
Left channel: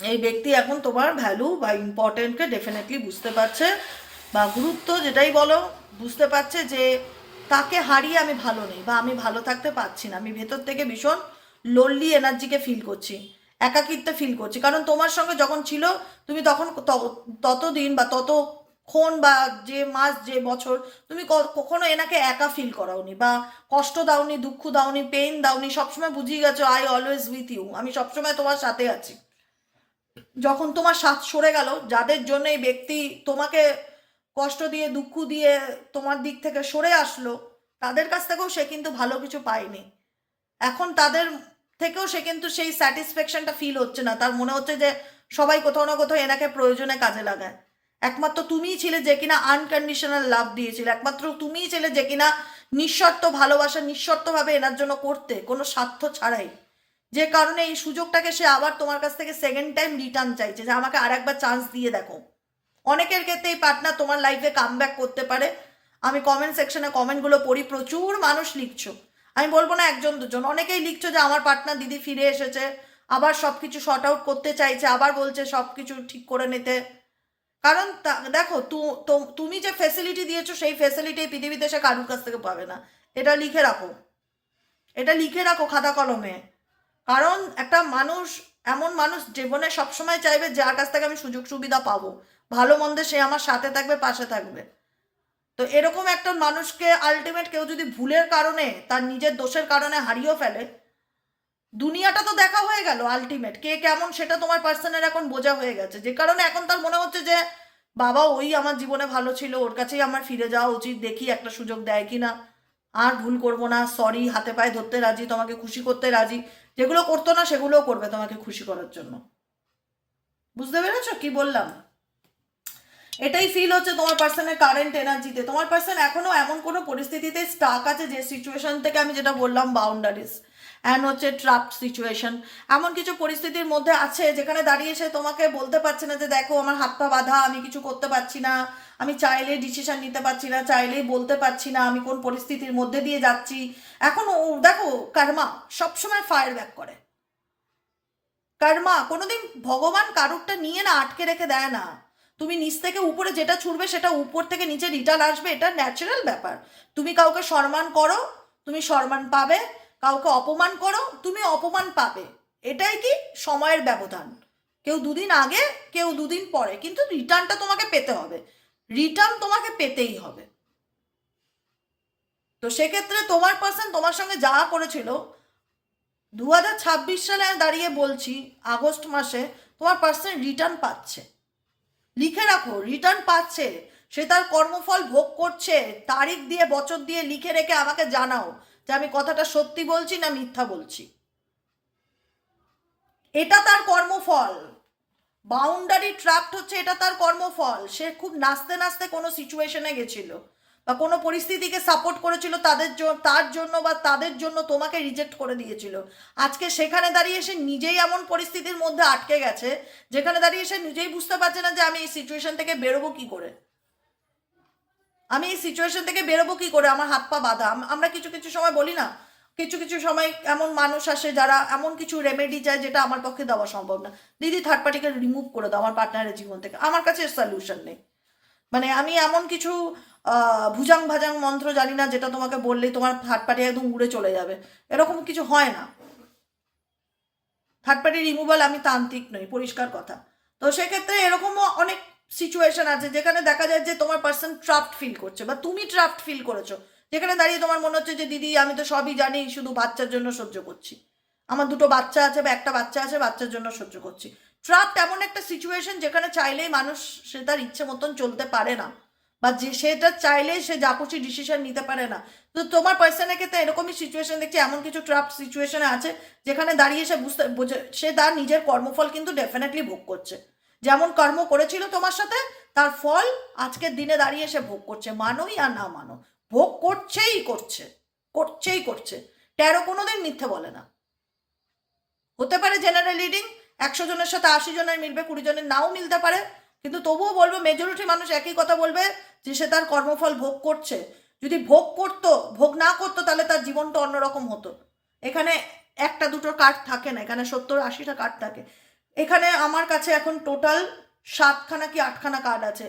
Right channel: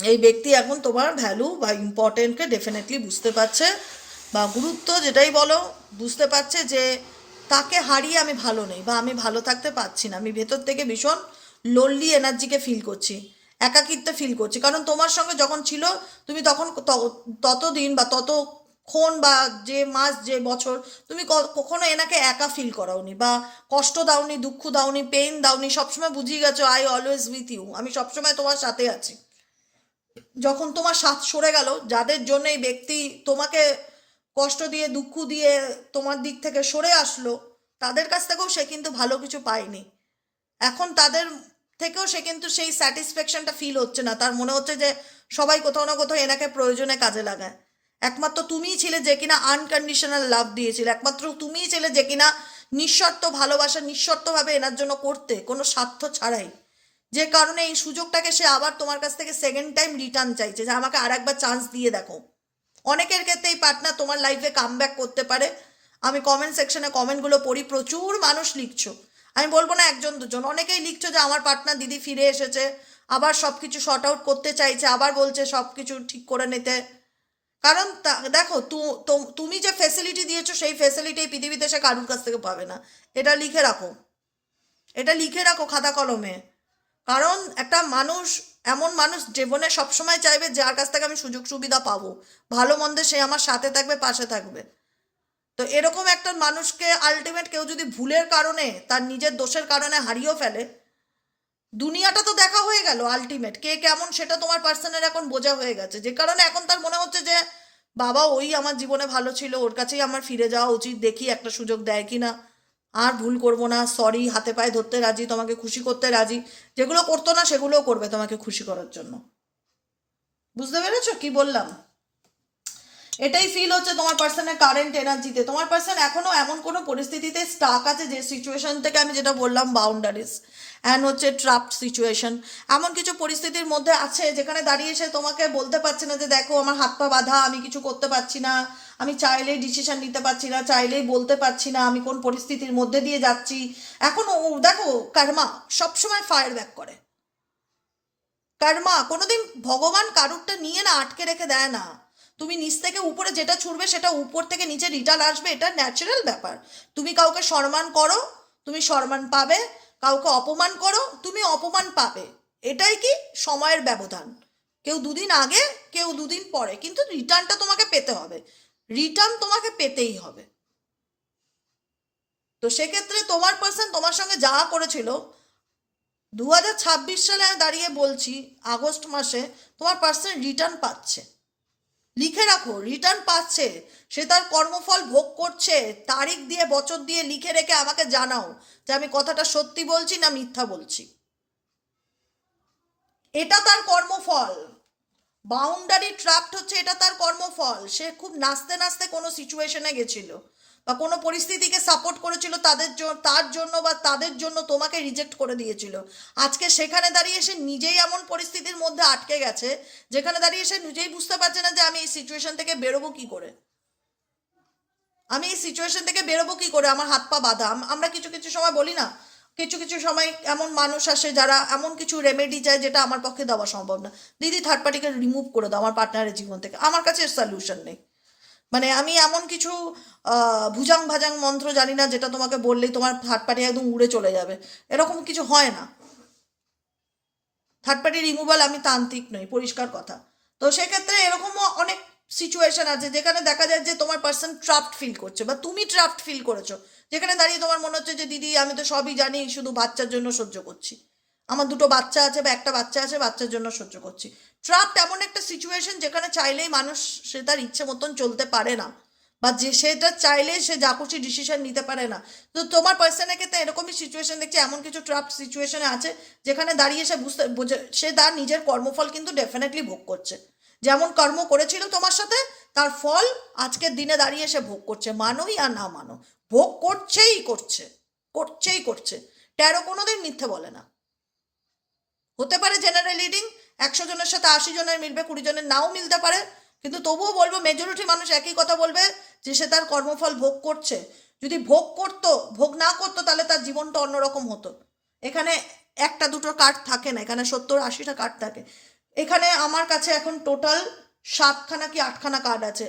এই ব্যক্তি এখন তোমার ভ্যালু বা ইম্পর্টেন্টকে ডেফিনেটলি বুঝতে পারছে, বা গুরুত্ব যেটাই বলো, বুঝতে পারছে যে তাকে হারিয়ে আমি ভালো নেই, বা আমি ভালো থাকতে পারছি না, আমি ভেতর থেকে ভীষণ লোনলি এনার্জিকে ফিল করছি, একাকিত্বে ফিল করছি। কারণ তোমার সঙ্গে যখন ছিল তুমি তখন ততদিন বা ততক্ষণ বা যে মাস যে বছর তুমি কখনো এনাকে একা ফিল করাওনি, বা কষ্ট দাওনি, দুঃখ দাওনি, পেইন দাওনি, সবসময় বুঝিয়ে গেছো আই অলওয়েজ উইথ ইউ, আমি সবসময় তোমার সাথে আছি। যখন তোমার সাথ সরে গেল, যাদের জন্য এই ব্যক্তি তোমাকে কষ্ট দিয়ে দুঃখ দিয়ে তোমার দিক থেকে সরে আসলো, তাদের কাছ থেকেও সে কিন্তু ভালো কিছু পায়নি। এখন তাদের থেকেও সে কিন্তু সেই স্যাটিসফ্যাকশনটা ফিল হচ্ছে না, তার মনে হচ্ছে যে সবাই কোথাও না কোথাও এনাকে প্রয়োজনে কাজে লাগায়। একমাত্র তুমিই ছিলে যে কিনা আনকন্ডিশনাল লাভ দিয়েছিলে, একমাত্র তুমিই ছিলে যে কিনা নিঃশর্ত ভালোবাসা নিঃশর্তভাবে এনার জন্য করতে, কোনো স্বার্থ ছাড়াই। যে কারণে এই সুযোগটাকে সে আবার তোমার কাছ থেকে সেকেন্ড টাইম রিটার্ন চাইছে, যে আমাকে আর একবার চান্স দিয়ে দেখো। অনেকের ক্ষেত্রে এই পার্টনার তোমার লাইফে কাম ব্যাক করতে পারে। আমি কমেন্ট সেকশনে কমেন্টগুলো পড়ি, প্রচুর মানুষ লিখছো, আমি বলবো না একজন দুজন, অনেকেই লিখছো যে আমার পার্টনার দিদি ফিরে এসেছে, আবার সব কিছু শর্ট আউট করতে চাইছে, আবার বলছে সব কিছু ঠিক করে নিতে। কারণ দেখো তুমি যে ফেসিলিটি দিয়েছো সেই ফেসিলিটি এই পৃথিবীতে সে কারুর কাছ থেকে পাবে না। এটা লিখে রাখো, এটা লিখে রাখো খাতা কলমে। কারণ একটা মানুষ, এমন মানুষ জীবনে সবসময় চাইবে যার কাছ থেকে আমি সুযোগ সুবিধা পাবো, ভালো মন্দে সে আমার সাথে থাকবে, পাশে থাকবে। তো এরকম একটা মানুষকে আলটিমেট কেউ যদি ভুলের কারণে, তার নিজের দোষের কারণে হারিয়েও ফেলে, দুনিয়াটা তো দেখা হয়ে গেল, আলটিমেট কে কেমন সেটা তোমার পার্সনের এখন বোঝা হয়ে গেছে, যে কারণে এখন তার মনে হচ্ছে যে বাবা ওই আমার জীবনে ভালো ছিল, ওর কাছেই আমার ফিরে যাওয়া উচিত, দেখি একটা সুযোগ দেয় কি না, আর ভুল করবো না, সরি, হাতে পায়ে ধরতে রাজি, তোমাকে খুশি করতে রাজি, যেগুলো করতো না সেগুলোও করবে তোমাকে খুশি করার জন্য। বুঝতে পেরেছো কি বললাম? এটাই ফিল হচ্ছে তোমার পার্সনের কারেন্ট এনার্জিতে। তোমার পার্সন এখনো এমন কোনো পরিস্থিতিতে স্টাক আছে যে সিচুয়েশন থেকে আমি যেটা বললাম বাউন্ডারিজ অ্যান্ড হচ্ছে ট্রাপড সিচুয়েশন, এমন কিছু পরিস্থিতির মধ্যে আছে যেখানে দাঁড়িয়ে সে তোমাকে বলতে পারছে না যে দেখো আমার হাত পা বাঁধা, আমি কিছু করতে পারছি না, আমি চাইলেই ডিসিশন নিতে পারছি না, চাইলেই বলতে পারছি না, আমি কোন পরিস্থিতির মধ্যে দিয়ে যাচ্ছি। এখন দেখো কর্মা সবসময় ফায়ার ব্যাক করে। কর্মা কোনোদিন ভগবান কারুরটা নিয়ে না আটকে রেখে দেয় না। তুমি নিচ থেকে উপরে যেটা ছুড়বে সেটা উপর থেকে নিচে রিটার্ন আসবে, এটা ন্যাচারাল ব্যাপার। তুমি কাউকে সম্মান করো, তুমি সম্মান পাবে, কাউকে অপমান করো, তুমি অপমান পাবে। এটাই কি সময়ের ব্যবধান, কেউ দুদিন আগে কেউ দুদিন পরে, কিন্তু রিটার্নটা তোমাকে পেতে হবে, রিটার্ন তোমাকে পেতেই হবে। তো সেক্ষেত্রে তোমার পার্সন তোমার সঙ্গে যা করেছিল 2026 সালে দাঁড়িয়ে বলছি, আগস্ট মাসে তোমার পার্সন রিটার্ন পাচ্ছে। লিখে রাখো, রিটার্ন পাচ্ছে, সে তার কর্মফল ভোগ করছে। তারিখ দিয়ে বছর দিয়ে লিখে রেখে আমাকে জানাও যে আমি কথাটা সত্যি বলছি না মিথ্যা বলছি। এটা তার কর্মফল। বাউন্ডারি ট্র্যাপড হচ্ছে এটা তার কর্মফল। সে খুব নাচতে নাচতে কোনো সিচুয়েশনে গেছিল বা কোনো পরিস্থিতিকে সাপোর্ট করেছিল তার জন্য বা তাদের জন্য তোমাকে রিজেক্ট করে দিয়েছিল। আজকে সেখানে দাঁড়িয়ে সে নিজেই এমন পরিস্থিতির মধ্যে আটকে গেছে যেখানে দাঁড়িয়ে সে নিজেই বুঝতে পারছে না যে আমি এই সিচুয়েশন থেকে বেরোবো কি করে, আমি এই সিচুয়েশন থেকে বেরোবো কি করে, আমার হাত পা বাঁধা। আমরা কিছু কিছু সময় বলি না, কিছু কিছু সময় এমন মানুষ আসে যারা এমন কিছু রেমেডি চায় যেটা আমার পক্ষে দেওয়া সম্ভব না। দিদি থার্ড পার্টিকে রিমুভ করে দাও আমার পার্টনারের জীবন থেকে, আমার কাছে সলিউশন নেই। মানে আমি এমন কিছু ভুজাং ভাজাং মন্ত্র জানি না যেটা তোমাকে বললেই তোমার থার্ড পার্টি একদম উড়ে চলে যাবে, এরকম কিছু হয় না। থার্ড পার্টি রিমুভাল আমি তান্ত্রিক নই, পরিষ্কার কথা। তো সেক্ষেত্রে এরকমও অনেক সিচুয়েশন আছে যেখানে দেখা যায় যে তোমার পার্সন ট্রাপড ফিল করছে বা তুমি ট্রাপড ফিল করেছো, যেখানে দাঁড়িয়ে তোমার মনে হচ্ছে যে দিদি আমি তো সবই জানি, শুধু বাচ্চার জন্য সহ্য করছি, আমার দুটো বাচ্চা আছে বা একটা বাচ্চা আছে, বাচ্চার জন্য সহ্য করছি। ট্রাপড এমন একটা সিচুয়েশন যেখানে চাইলেই মানুষ সে তার ইচ্ছে মতন চলতে পারে না, বা যে সেটা চাইলে সে যা খুশি ডিসিশন নিতে পারে না। তো তোমার পার্সনের ক্ষেত্রে এরকমই সিচুয়েশন দেখছি, এমন কিছু ট্রাপ সিচুয়েশনে আছে যেখানে দাঁড়িয়ে সে সে তার নিজের কর্মফল কিন্তু ডেফিনেটলি ভোগ করছে। যেমন কর্ম করেছিল তোমার সাথে, তার ফল আজকের দিনে দাঁড়িয়ে সে ভোগ করছে, মানোই আর না মানো, ভোগ করছেই করছে, করছেই করছে। ট্যারো কোনোদিন মিথ্যে বলে না। হতে পারে জেনারেল রিডিং 100 জনের সাথে 80 জনের মিলবে, 20 জনের নাও মিলতে পারে, কিন্তু তবুও বলবো মেজরিটি মানুষ একই কথা বলবে যে সে তার কর্মফল ভোগ করছে। যদি ভোগ করতো, ভোগ না করতো, তাহলে তার জীবনটা অন্যরকম হতো। এখানে একটা দুটো কার্ড থাকে না, এখানে 70-80টা কার্ড থাকে। এখানে আমার কাছে এখন টোটাল 7খানা কি 8খানা কার্ড আছে,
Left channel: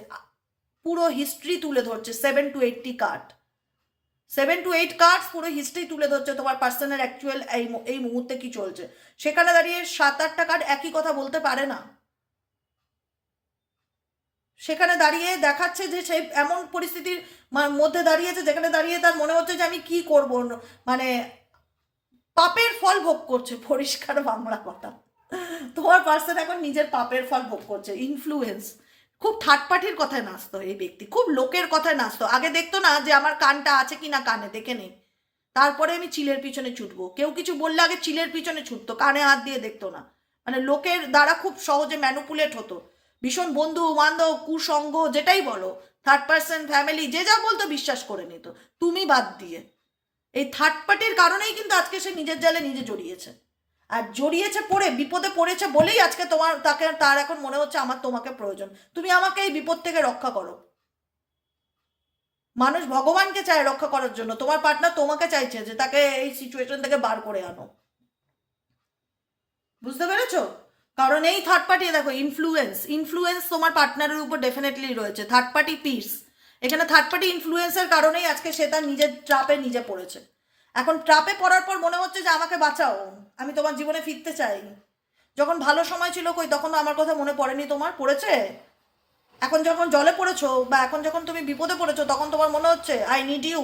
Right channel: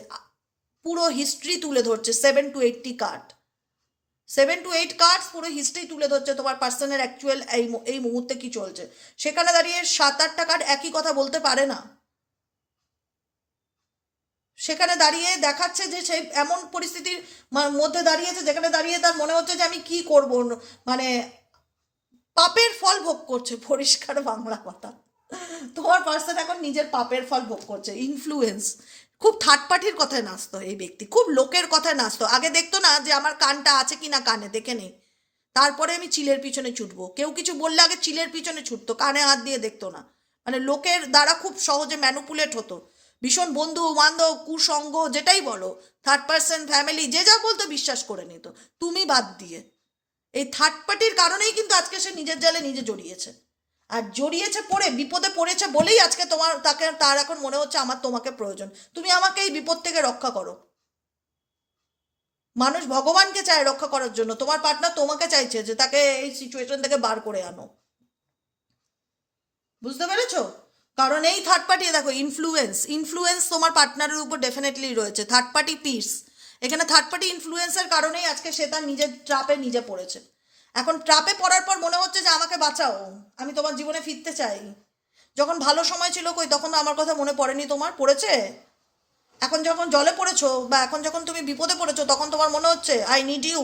পুরো হিস্ট্রি তুলে ধরছে, 7 to 8 কার্ড, 7 to 8 কার্ডস পুরো হিস্ট্রি তুলে ধরছে তোমার পার্সনের অ্যাকচুয়াল এই মুহূর্তে কি চলছে। সেখানে দাঁড়িয়ে 7-8টা কার্ড একই কথা বলতে পারে না। সেখানে দাঁড়িয়ে দেখাচ্ছে যে সেই এমন পরিস্থিতির মধ্যে দাঁড়িয়েছে যেখানে দাঁড়িয়ে তার মনে হচ্ছে যে আমি কি করব, মানে পাপের ফল ভোগ করছে, পরিষ্কার বাংলা কথা। তোমার পার্সন এখন নিজের পাপের ফল ভোগ করছে, ইনফ্লুয়েন্স। খুব থার্ড পার্টির কথায় নাচতো এই ব্যক্তি, খুব লোকের কথায় নাচতো। আগে দেখতো না যে আমার কানটা আছে কি না, কানে দেখে নেই, তারপরে আমি চিলের পিছনে ছুটবো। কেউ কিছু বললে আগে চিলের পিছনে ছুটতো, কানে হাত দিয়ে দেখতো না। মানে লোকের দ্বারা খুব সহজে ম্যানুপুলেট হতো। ভীষণ বন্ধু বান্ধব কুসঙ্গ যেটাই বলো, থার্ড পার্সন ফ্যামিলি যে যা বলতো বিশ্বাস করে নিত, তুমি বাদ দিয়ে। এই থার্ড পার্টির কারণেই কিন্তু আজকে সে নিজের জালে নিজে জড়িয়েছে। আর জড়িয়েছে পড়ে, বিপদে পড়েছে বলেই আজকে তার এখন মনে হচ্ছে আমার তোমাকে প্রয়োজন, তুমি আমাকে এই বিপদ থেকে রক্ষা করো। মানুষ ভগবানকে চায় রক্ষা করার জন্য, তোমার পার্টনার তোমাকে চাইছে যে তাকে এই সিচুয়েশন থেকে বার করে আনো। বুঝতে পেরেছো? কারণ এই থার্ড পার্টি দেখো ইনফ্লুয়েন্স, ইনফ্লুয়েন্স তোমার পার্টনারের উপর ডেফিনেটলি রয়েছে। থার্ড পার্টি পিস, এখানে থার্ড পার্টি ইনফ্লুয়েন্সের কারণেই আজকে সে তার নিজের ট্রাপে নিজে পড়েছে। এখন ট্রাপে পড়ার পর মনে হচ্ছে যে আমাকে বাঁচাও, আমি তোমার জীবনে ফিরতে চাই। যখন ভালো সময় ছিল কই, তখন আমার কথা মনে পড়েনি তোমার? পড়েছে। এখন যখন জলে পড়েছো বা এখন যখন তুমি বিপদে পড়েছো, তখন তোমার মনে হচ্ছে আই নিড ইউ।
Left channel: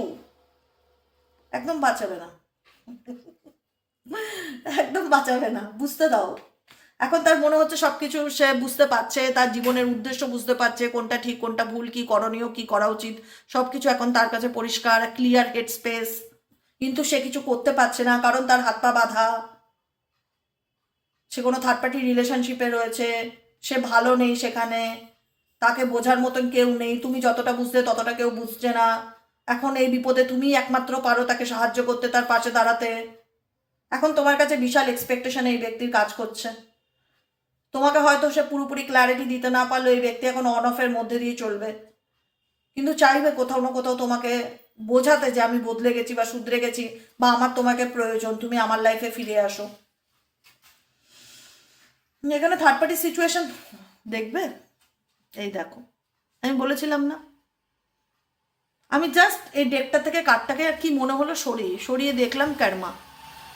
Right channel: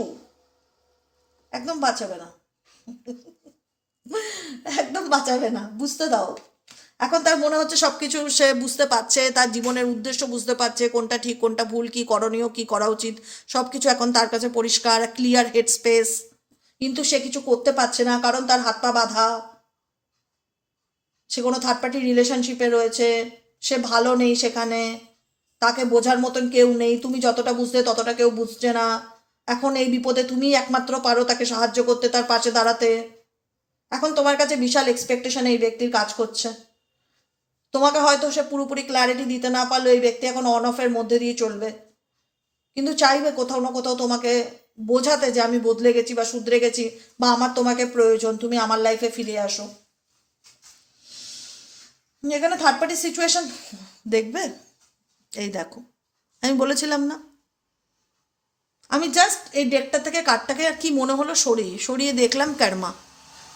একদম বাঁচাবে না, একদম বাঁচাবে না, বুঝতে দাও। এখন তার মনে হচ্ছে সব কিছু সে বুঝতে পারছে, তার জীবনের উদ্দেশ্য বুঝতে পারছে, কোনটা ঠিক কোনটা ভুল, কি করণীয় কি করা উচিত, সব কিছু এখন তার কাছে পরিষ্কার, ক্লিয়ার হেড স্পেস। কিন্তু সে কিছু করতে পারছে না, কারণ তার হাত পা বাঁধা। সে কোনো থার্ড পার্টি রিলেশনশিপে রয়েছে, সে ভালো নেই সেখানে, তাকে বোঝার মতন কেউ নেই, তুমি যতটা বুঝতে ততটা কেউ বুঝছে না। এখন এই বিপদে তুমি একমাত্র পারো তাকে সাহায্য করতে, তার পাশে দাঁড়াতে। এখন তোমার কাছে বিশাল এক্সপেকটেশন এই ব্যক্তির কাজ করছে। তোমাকে হয়তো সে পুরোপুরি ক্ল্যারিটি দিতে না পারলেও এই ব্যক্তি এখন অন অফের মধ্যে দিয়ে চলবে, কিন্তু চাইবে কোথাও না কোথাও তোমাকে বোঝাতে যে আমি বদলে গেছি বা শুধরে গেছি, বা আমার তোমাকে প্রয়োজন, তুমি আমার লাইফে ফিরে আসো। এখানে থার্ড পার্টি সিচুয়েশন দেখবে। এই দেখো, আমি বলেছিলাম না, আমি জাস্ট এই ডেকটা থেকে কার্ডটাকে আর কি মনে হলো সরিয়ে সরিয়ে দেখলাম। কর্মা,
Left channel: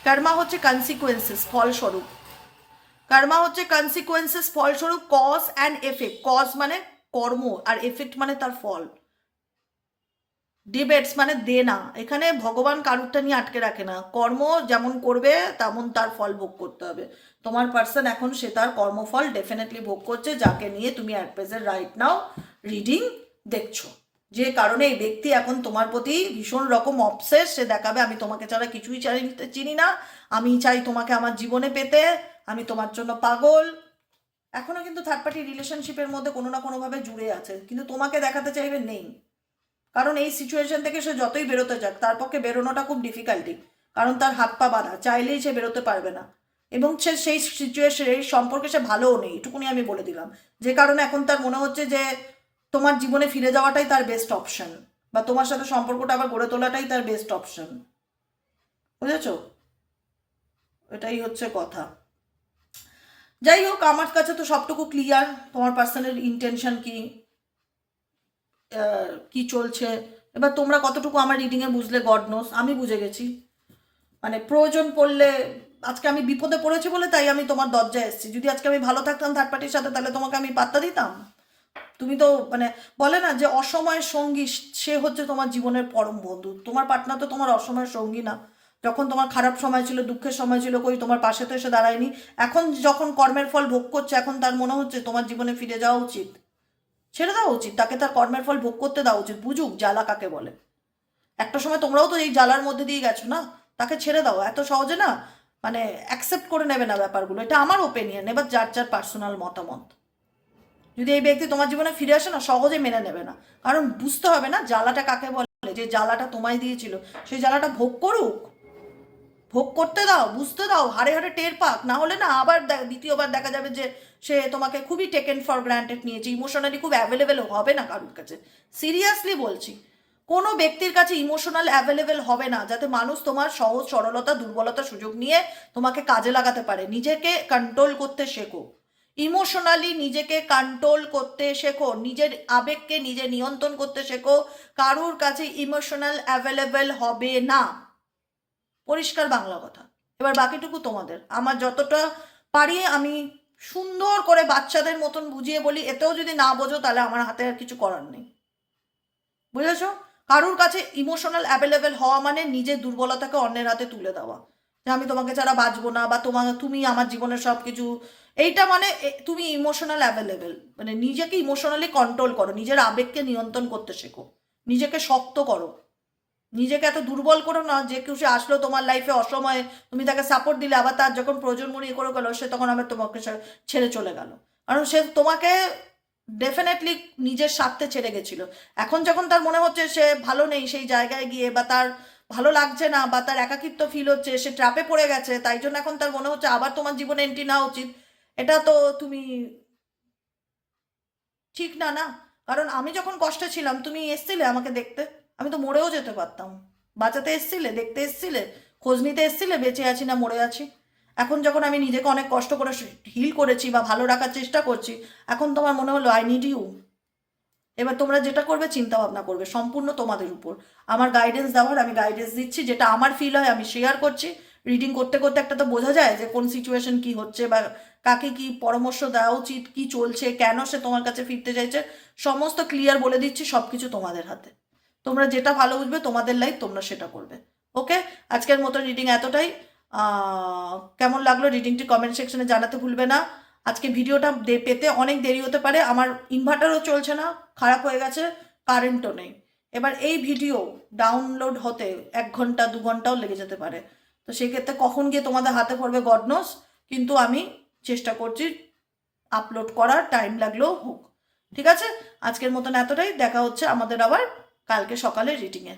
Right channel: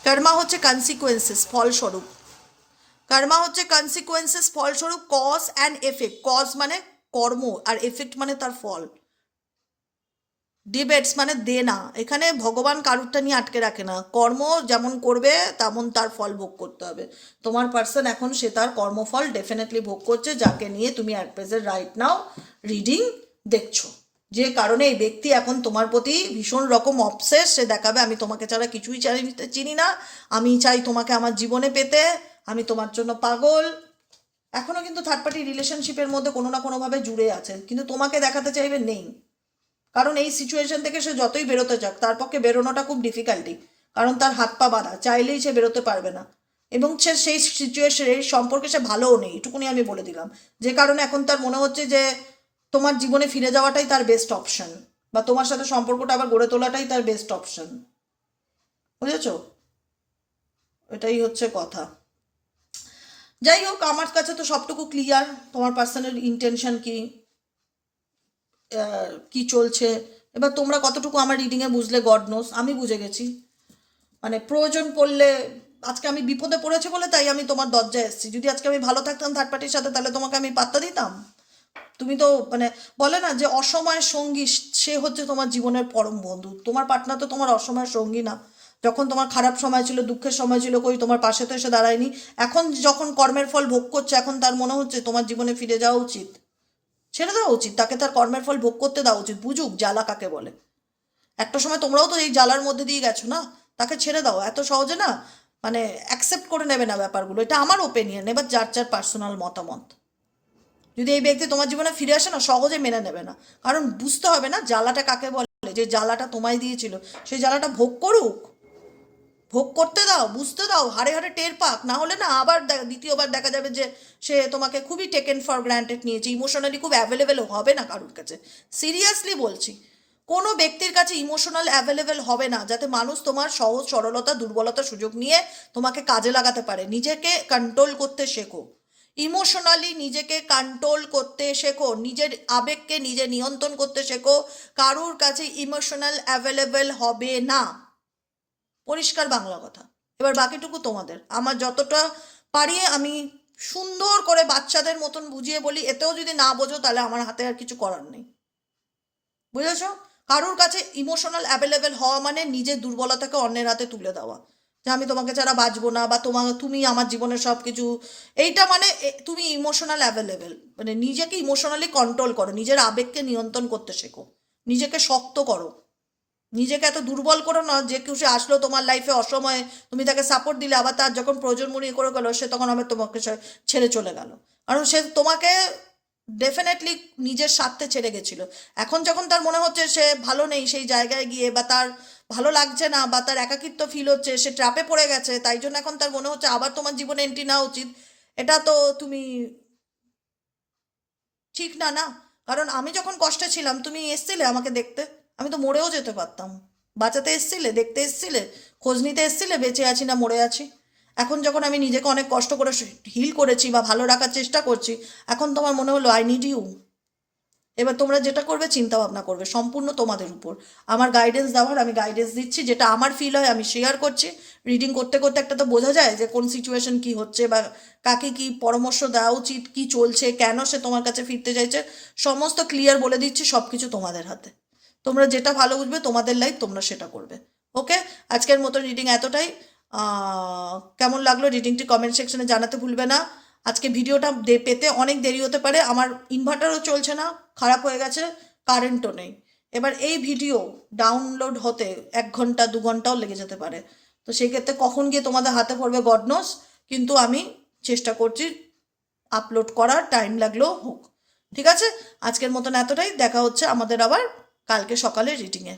কর্মা হচ্ছে কনসিকুয়েন্সেস, ফলস্বরূপ। কর্মা হচ্ছে কনসিকুয়েন্সেস, ফলস্বরূপ, কজ অ্যান্ড এফেক্ট। কজ মানে কর্ম, আর এফেক্ট মানে তার ফল। ডিবেটস মানে দে না। এখানে ভগবান কারুরটা নিয়ে আটকে রাখে না, কর্ম যেমন করবে তেমন তার ফল ভোগ করতে হবে। তোমার পার্সন এখন সে তার কর্মফল ডেফিনেটলি ভোগ করছে, যাকে নিয়ে তুমি at present right now reading দেখছো। যে কারণে এই ব্যক্তি এখন তোমার প্রতি ভীষণ রকম অবসেস, সে দেখাবে আমি তোমাকে ছাড়া কিছুই চিনি না, আমি চাই তোমাকে আমার জীবনে পেতে, আমি তোমার জন্য পাগল। এখনো কিন্তু থার্ড পার্টি রিলেশনশিপের মধ্যে কোনো না কোনোভাবে জুড়ে আছে, কিন্তু তোমাকে দেখাতে চাইবে নেই। কারণ এই সিচুয়েশন থেকে সে যতই বেরোতে যাক, তার পক্ষে বেরোনোটা খুব ডিফিকাল্টি, কারণ তার হাত পা বাঁধা, চাইলেই সে বেরোতে পারবে না। এবং সে সেই সিচুয়েশন, এই সম্পর্কে সে ভালোও নেই, এটুকুনি আমি বলে দিলাম। যে কারণে এখন তার মনে হচ্ছে যে তোমার জীবনে ফিরে যাওয়াটাই তার বেস্ট অপশন, বা তোমার সাথে সম্পর্কটা আবার গড়ে তোলাটাই তার বেস্ট অপশন। বুঝেছো? এটাই হচ্ছে কথা। যাই হোক, আমার কাছে তো সবটুকু ক্লিয়ার, তোমার পার্সোনাল ইন্টেনশন কি, কি চলছে। এবার তোমরা কতটুকু আমার রিডিংয়ে বুঝলে গড নোস, আমি বুঝে গেছি। মানে প্রয়োজন পড়লে, আজকে আমি বিপদে পড়েছি বলে তাই আমি তোমার দরজায় এসেছি। যদি আজকে আমি ভালো থাকতাম থার্ড পার্টির সাথে, তাহলে তোমাকে আমি পাত্তা দিতাম? তুমি তো মানে বলে না যে অসময়ের সঙ্গী সে হচ্ছে তোমার জীবনের পরম বন্ধু। তোমার পার্টনার তো তোমার অসময়ের সঙ্গী না। যখন তোমার খারাপ সময় ছিল, দুঃখের সময় ছিল, কই তোমার পাশে তো এসে দাঁড়ায়নি। এখন যখন কর্মের ফল ভোগ করছে, এখন তার মনে হচ্ছে তোমার জীবনে ফিরে যাওয়া উচিত। ছেড়ে দেওয়া উচিত, তাকে তার কর্মের ফল ভোগ করতে দেওয়া উচিত, বুঝুক জ্বালা কাকে বলে। একটা সময় তোমরাও তো এই জ্বালার মধ্যে দিয়ে গেছো না, তাকে ছেড়ে দাও। এত সহজে না মানে অ্যাকসেপ্ট করে নেবে না ব্যাপারগুলো, এটা আমার ওপিনিয়ন। এবার যার যার পার্সোনাল মতামত। যদি এই ব্যক্তি তোমার জীবনে ফিরে আসে না, সহজে মেনে নেবে না, কারণ বুঝতে হবে না জ্বালাটা কাকে বলে। যে জ্বালাটা তোমায় দিয়েছিল, সেই জ্বালাটা ভোগ করুক, ভোগ করতে দাও, বুঝতে দাও, হাড়ে হাড়ে টের পাক। না হলে না আবার দ্বিতীয়বার দেখা যাবে যে সে তোমাকে খুবই টেকেন ফর গ্রান্টেড নিয়েছে, ইমোশনালি খুব অ্যাভেলেবেল হবে না কারোর কাছে। সিরিয়াসলি বলছি, কোনো ব্যক্তির কাছে ইমোশনাল অ্যাভেলেবেল হবে না, যাতে মানুষ তোমার সহজ সরলতা দুর্বলতা সুযোগ নিয়ে তোমাকে কাজে লাগাতে পারে। নিজেকে কন্ট্রোল করতে শেখো, ইমোশনালি নিজেকে কন্ট্রোল করতে শেখো, নিজের আবেগকে নিজে নিয়ন্ত্রণ করতে শেখো। কারোর কাছে ইমোশনাল অ্যাভেলেবেল হবে না, পরিষ্কার বাংলা কথা। এবার বাকিটুকু তোমাদের। আমার যতটা পারি আমি সুন্দর করে বাচ্চাদের মতন বুঝিয়ে বলি, এতেও যদি না বোঝো তাহলে আমার হাতে আর কিছু করার নেই। বুঝেছো? কারোর কাছে ইমোশনাল অ্যাভেলেবেল হওয়া মানে নিজের দুর্বলতাকে অন্যের হাতে তুলে দেওয়া, যে আমি তোমাকে ছাড়া বাঁচবো না, বা তুমি আমার জীবনের সব কিছু, এইটা মানে তুমি ইমোশনাল অ্যাভেলেবেল। মানে নিজেকে ইমোশনালি কন্ট্রোল করো, নিজের আবেগকে নিয়ন্ত্রণ করতে শেখো, নিজেকে শক্ত করো। নিজেকে এত দুর্বল করো না যে কেউ সে আসলো তোমার লাইফে অসময়ে, তুমি তাকে সাপোর্ট দিলে, আবার তার যখন প্রয়োজন মনে করে গেলো, সে তখন আবার তোমাকে ছেড়ে চলে গেল। কারণ সে তোমাকে ডেফিনেটলি নিজের স্বার্থে ছেড়ে গেছিল। এখন যখন তার মনে হচ্ছে সে ভালো নেই সেই জায়গায় গিয়ে, বা তার ভালো লাগছে না, বা তার একাকিত্ব ফিল হচ্ছে, সে ট্র্যাপে পড়ে গেছে, তাই জন্য এখন তার মনে হচ্ছে আবার তোমার জীবনে এন্ট্রি নেওয়া উচিত। এটা তো তুমি ঠিক না, না। কারণ আমি যখন কষ্টে ছিলাম তুমি এসছিলে আমাকে দেখতে, আমি তো মরেও যেতে পারতাম। বাঁচাতে এসছিলে, দেখতে এসছিলে, খোঁজ নিতে এসছিলে বেঁচে আছি না মরে আছি। এখন যখন আমি নিজেকে অনেক কষ্ট করে হিল করেছি বা ভালো রাখার চেষ্টা করছি, এখন তোমার মনে হলো আই নিড ইউ। এবার তোমরা যেটা করবে চিন্তা ভাবনা করবে, সম্পূর্ণ তোমাদের উপর। আমার গাইডেন্স দেওয়ার আমি গাইডেন্স দিচ্ছি, যেটা আমার ফিল হয় আমি শেয়ার করছি। রিডিং করতে করতে একটা তো বোঝা যায় যে কোন সিচুয়েশন কি হচ্ছে, বা কাকে কি পরামর্শ দেওয়া উচিত, কি চলছে, কেন সে তোমার কাছে ফিরতে চাইছে, সমস্ত ক্লিয়ার বলে দিচ্ছি। সব কিছু তোমাদের হাতে, তোমরা যেটা ভালো বুঝবে, তোমাদের লাইফ তোমরা সেটা করবে। ওকে, আজকের মতো রিডিং এতটাই। কেমন লাগলো রিডিংটি কমেন্ট সেকশনে জানাতে ভুলবে না। আজকে ভিডিওটা পেতে অনেক দেরি হতে পারে, আমার ইনভার্টারও চলছে না, খারাপ হয়ে গেছে, কারেন্টও নেই। এবার এই ভিডিও ডাউনলোড হতে 1 ঘন্টা 2 ঘন্টাও লেগে যেতে পারে, তো সেক্ষেত্রে কখন গিয়ে তোমাদের হাতে পড়বে গড নোস, কিন্তু আমি চেষ্টা করছি আপলোড করার, টাইম লাগলেও হোক। ঠিক আছে, আজকের মতন এতটাই, দেখা হচ্ছে আমাদের আবার কালকে সকালে রিডিংয়ে।